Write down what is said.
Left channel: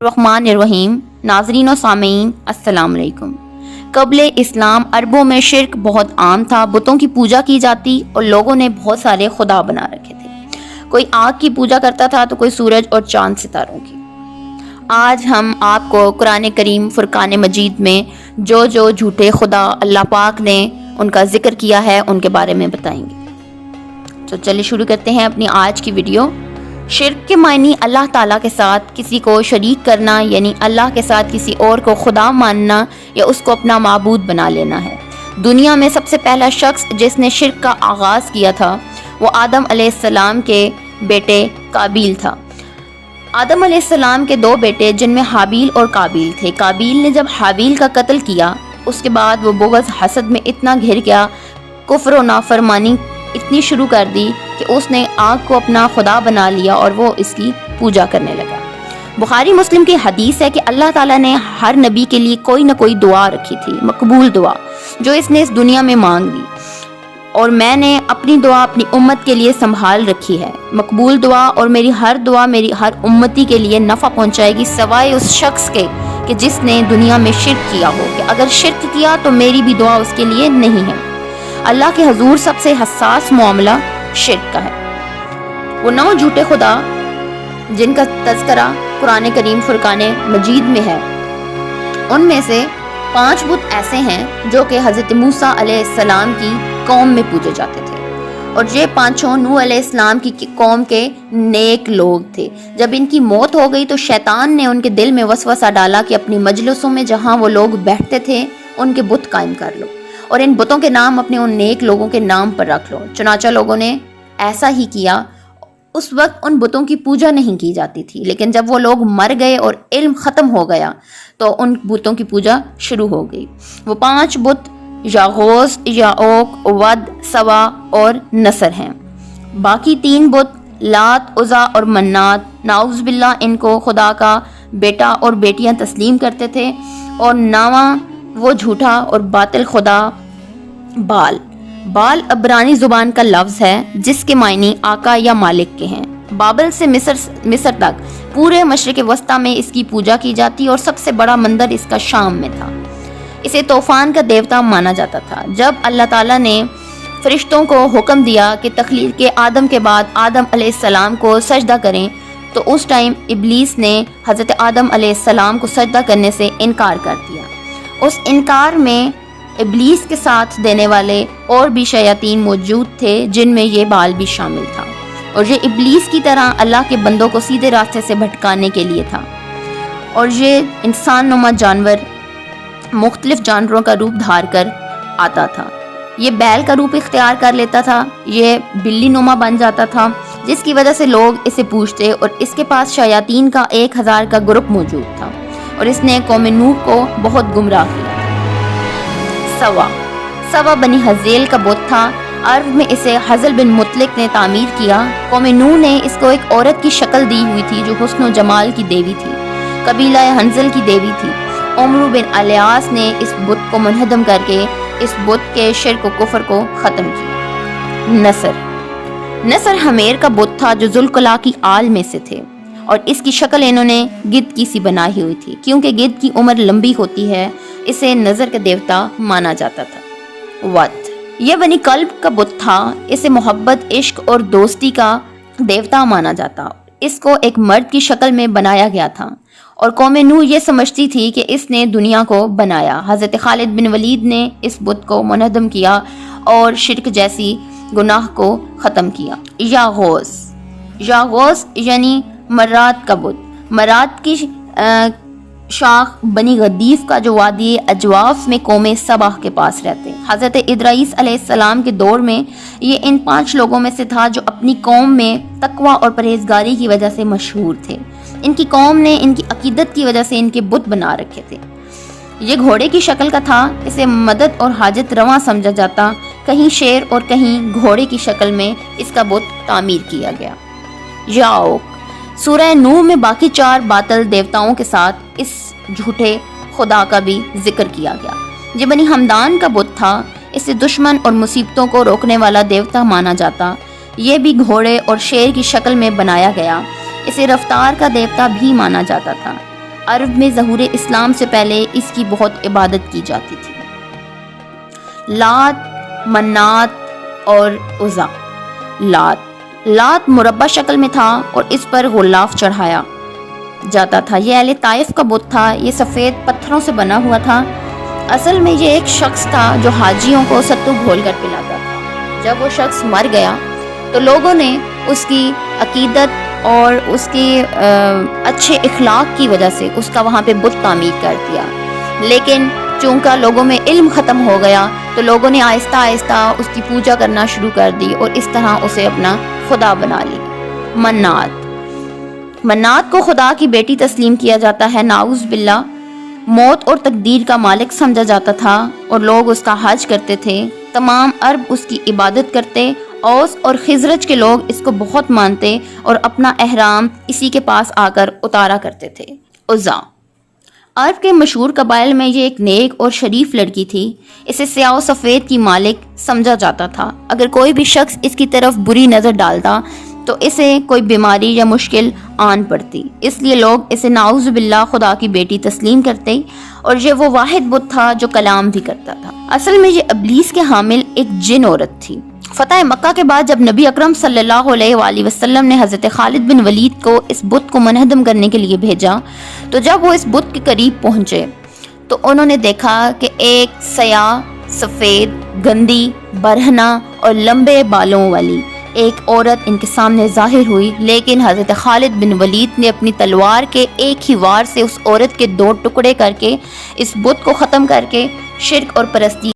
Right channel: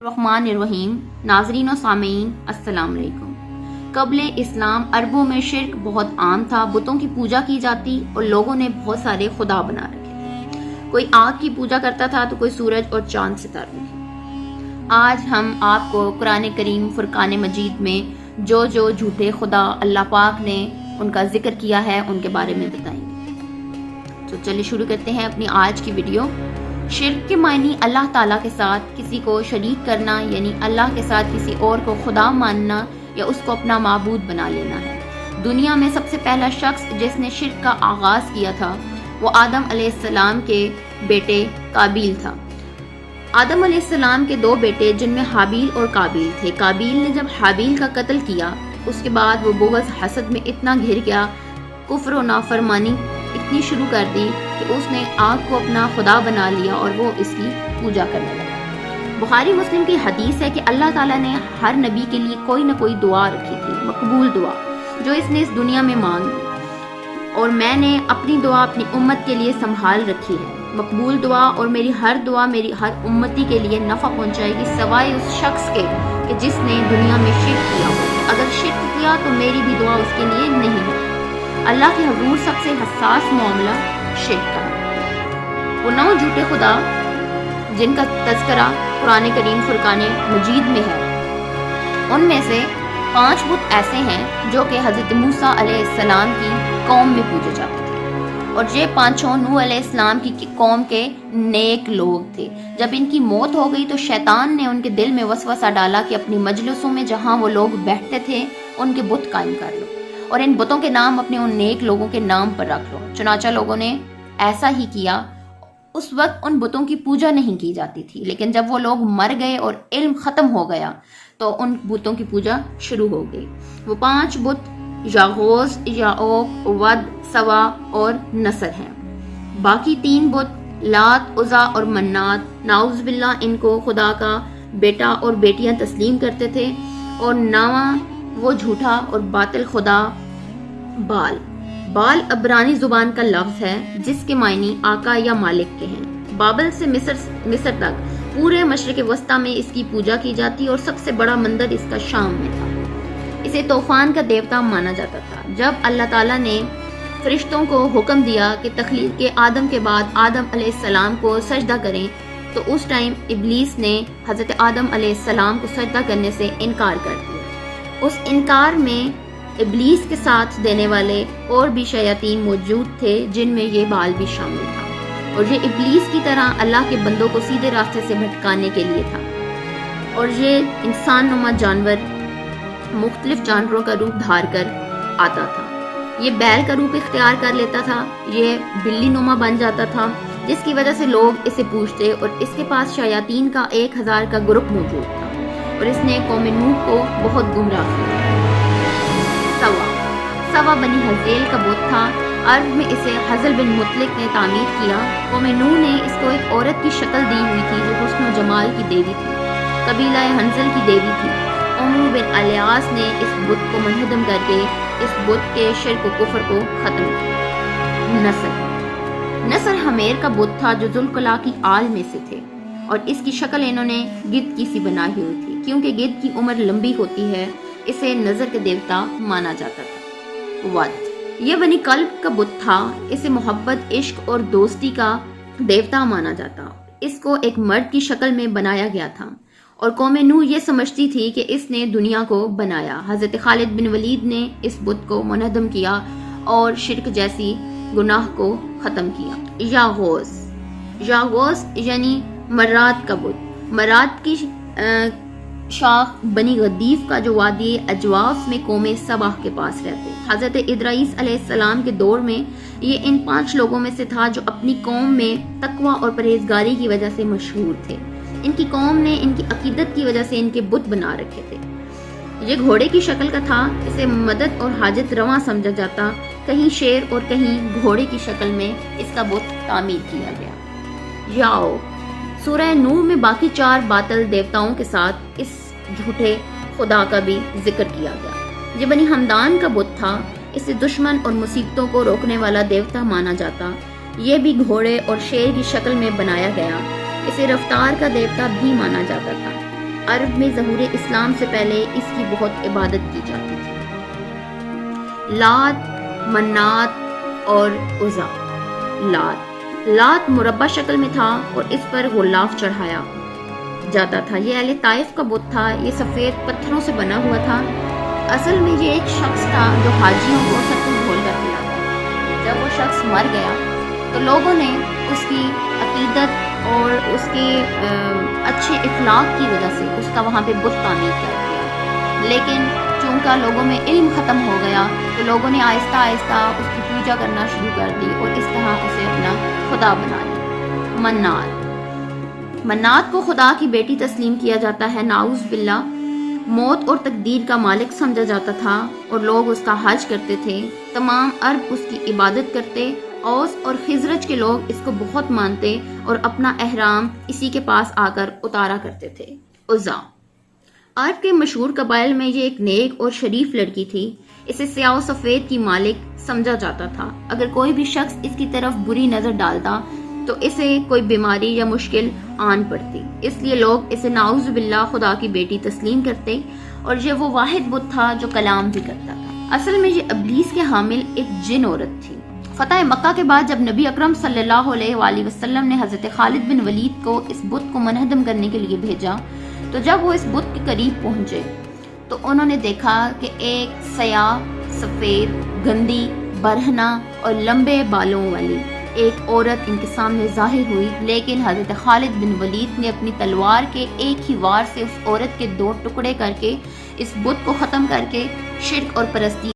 الرحمن الرحیم۔ ناظرین و سامعین السلام علیکم۔ قبل اسلام عربوں میں شرک بہت عام تھا، بتوں کی پوجا کی جاتی اور لوگوں نے بہت سارے خدا بنا رکھے تھے۔ کوئی آگ کی پوجا کرتا تھا تو کوئی سورج اور چاند ستاروں کی۔ آج ہم آپ کو قرآن کریم فرقان مجید میں جو جھوٹے خدا اللہ پاک نے ان کا ذکر کیا ہے ان کے بارے میں بتائیں گے۔ تو چلیے شروع کرتے ہیں اپنی آج کی ویڈیو۔ شرک کے معنی اللہ تعالیٰ کے ساتھ کسی کو شریک کرنا، یعنی اللہ کے ساتھ کسی اور کو خدا ماننا یا اس کو اپنا معبود بنا لینا ہے۔ دنیا میں سب سے پہلا شخص جس نے شرک کا آغاز کیا تھا وہ آدم علیہ السلام کے بیٹے قابیل تھا۔ آدم علیہ السلام کے دو بیٹے جن میں حابیل اور قابیل تھے۔ قابیل نے جب حابیل کا قتل کیا اس کے بعد وہ بغض حسد میں اتنا گھر گیا، کفر و نافرمانی اتنی شروع کر دی کہ اس نے آگ کو اپنا خدا بنا لیا اور وہ اس کی پوجا کرنے لگا۔ بخاری مسلم کی حدیث ہے کہ اللہ تعالیٰ نے ہر نبی کے لیے کوئی نہ کوئی دعا رکھی تھی، مقبول دعا جو اس نے اس دنیا میں مانگ لی، اور میں نے اپنی دعا اپنی امت کے لیے سنبھال رکھی ہے۔ مقبول دعا اور میری ہر دعا میری ہر امتی کے لیے نفع پہنچائے گی سوائے اس شخص کے کہ جس نے دنیا میں شرک کیا ہو، کہ اگر شرک کیا تو میری بھی دعا اس کے لیے نہیں ہے۔ اللہ کے حضور سب سے حساس معاملہ شرک کا ہے۔ وہ 9 جھوٹے خدا جن کا تذکرہ قرآن کریم فرقان مجید میں ہے، ان میں سے 5 بت ایسے ہیں جو کہ حضرت موسیٰ علیہ السلام کی قوم میں پوجے جاتے تھے، اور یہ 5 نوح علیہ السلام کی قوم کے نیک لوگ تھے۔ جب ان کی موت ہو گئی تو شیطان نے ان کے دل میں وسوسہ ڈالا کہ اپنی مجلسوں میں جہاں وہ لوگ بیٹھتے تھے ان کے بت قائم کر لو اور ان بتوں کے نام اپنے ان نیک لوگوں کے نام پر رکھ لو۔ چنانچہ لوگوں نے ایسا ہی کیا۔ اس وقت ان بتوں کی پوجا نہیں کی جاتی تھی، لیکن جب وہ لوگ مر گئے اور علم ختم ہو گیا تو ان بتوں کی پوجا شروع ہو گئی۔ وہ 5 بت یاغوث، یاعوق، ود، سوا اور نصر ہیں۔ باقی 3 بت لات، عزا اور منات، نعوذ باللہ ان کو خدا کا بیٹا اور بیٹیاں تسلیم کرتے تھے، اور 9واں وہ جھوٹا اور باطل خدا بال۔ بال عبرانی زبان کا لفظ ہے جس کے معنی آقا یا مالک کے ہیں۔ بابل سے مصر تک پورے مشرق وسطیٰ میں اس کی پوجا کی جاتی اور سب سے بڑا مندر اس کا شام میں تھا۔ اسے طوفان کا دیوتا مانا جاتا تھا۔ جب اللہ تعالیٰ نے فرشتوں کو حکم دیا کہ تخلیق کے آدم کے بعد آدم علیہ السلام کو سجدہ کریں تو اس ٹائم ابلیس نے حضرت آدم علیہ السلام کو سجدہ کرنے سے انکار کر دیا۔ اس انکار میں ابلیس کے ساتھ دینے والے اور بھی شیاطین موجود تھے جن میں یہ بال بھی شامل تھا، اور یہ ابلیس کی طرح اللہ کے بندوں کو سیدھے راستے سے بھٹکانے کے لیے تھا۔ اور یہ انسان نما جانور مختلف جانوروں کا روپ دھار کر آتا تھا۔ یہ بیل کا روپ اختیار کر لیتا تھا، یہ بلی نما بن جاتا تھا، جس کی وجہ سے لوگ اسے پوجتے، اور اس کے پاس شیاطین کا 1000 کا گروپ موجود تھا، اور اس نے قوم نوح کو بہت گمراہ کیا۔ سوا بنی حزیل کا بت تھا۔ عرب میں اسے حزل بن مطلق نے تعمیر کیا۔ قوم نوح نے اس کو ایک عورت کی شکل دی ہوئی تھی جو حسن و جمال کی دیوی تھی، قبیلہ حنزل کی دیوی تھی۔ عمرو بن الیاس نے اس بت کو منہدم کر کے اس بت کے شرک و کفر کو ختم کیا۔ نصر حمیر کا بت تھا جو ذوالقلاء کی آل میں سے تھے، اور اس کی شکل انہوں نے گدھ کی سی بنائی ہوئی تھی۔ کیونکہ گدھ کی عمر لمبی ہوتی ہے اسے نظر کا دیوتا مانا جاتا تھا۔ ود یہ بنی کلب کا بت تھا، اسے محبت، عشق اور دوستی کا دیوتا مانا جاتا۔ اس کو ایک مرد کی شکل میں بنایا گیا تھا، اور قوم نوح یہ سمجھتی تھی کہ اس نے دنیا کو بنایا۔ حضرت خالد بن ولید نے اس بت کو منہدم کیا اور شرک جیسی گناہ کو ختم کیا۔ یاغوث یعنی مرات کا بت۔ مرات کی شاخ بنی غدیف کا جو وادی اجواف میں قوم سبا کے پاس رہتے۔ حضرت ادریس علیہ السلام کے دور میں یہ ان 5 لوگوں میں سے تھا جو اپنی قوم میں تقوی اور پرہیزگاری کی وجہ سے مشہور تھے۔ ان کی قوم نے ان کی عقیدت کی وجہ سے ان کے بت بنا رکھے تھے۔ یہ گھوڑے کی شکل کا تھا، اسے مدد اور حاجت رواں سمجھا جاتا، کہیں شیر اور کہیں گھوڑے کی شکل میں اس کا بت تعمیر کیا گیا۔ یاعوق سورہ نوح میں باقی 4 باطل دیوتاؤں کے ساتھ اس جھوٹے خدا کا بھی ذکر کیا گیا۔ یہ بنی ہمدان کا بت تھا، اسے دشمن اور مصیبتوں کو روکنے والا دیوتا مانا جاتا۔ یہ بھی گھوڑے اور شیر کی شکل میں بنایا گیا، اسے رفتار کا دیوتا بھی مانا جاتا تھا۔ عرب میں ظہور اسلام سے پہلے اس کی بہت عبادت کی جاتی تھی۔ لات، منات اور عزا۔ لات مربع شکل میں تھا اور اس پر غلاف چڑھایا جاتا تھا۔ یہ اہل طائف کا بت تھا۔ یہ سفید پتھروں سے بنا ہوا تھا۔ اصل میں یہ ایک شخص تھا جو حاجیوں کو ستو گھول کر پلاتا تھا۔ جب وہ شخص مر گیا تو لوگوں نے اس کی عقیدت اور اس کی اچھے اخلاق کی وجہ سے اس کا وہاں پہ بت تعمیر کر دیا، لیکن چونکہ لوگوں میں علم ختم ہو گیا تو لوگوں نے آہستہ آہستہ اس کی پوجا کرنا شروع کر دی اور اس طرح اسے اپنا خدا بنا لیا۔ منات کو خدا کی بیٹی تسلیم کیا جاتا ہے، نعوذ باللہ۔ موت اور تقدیر کا مالک سمجھا جاتا تھا اور لوگ اس کا حج کرتے تھے۔ تمام عرب اس کی عبادت کرتے۔ اوس اور خزرج کے لوگ اس کو بہت مانتے اور اپنا احرام اسی کے پاس آ کر اتارا کرتے تھے۔ عزا عرب کے مشہور قبائل میں یہ ایک نیک اور شریف لڑکی تھی۔ اسے سیاہ و سفید کی مالک سمجھا جاتا تھا۔ اگر کوئی بھی شخص اس کی طرف بری نظر ڈالتا تو اسے کوئی بیماری یا مشکل آن پڑتی، اس لیے لوگ اسے نعوذ باللہ خدا کی بیٹی تسلیم کرتے، اور یہ وہ واحد بت تھا جو کلام بھی کرتا تھا۔ اصل میں یہ ابلیس کے حامل ایک جن عورت تھی۔ فتح مکہ کے بعد جب نبی اکرم صلی اللہ علیہ وآلہ وسلم نے حضرت خالد بن ولید کو اس بت کو منہدم کرنے کے لیے بھیجا تو جب وہ اس بت کے قریب پہنچے تو انہوں نے دیکھا کہ ایک سیاہ، سفید، گندی، برہنہ اور لمبے بالوں والی ایک عورت ان کے سامنے ظاہر ہوئی، لیکن حضرت خالد بن ولید نے اپنی تلوار کے ایک ہی وار سے اس عورت کے 2 ٹکڑے کر کے اس بت کو ختم کر کے شرک اور پرستی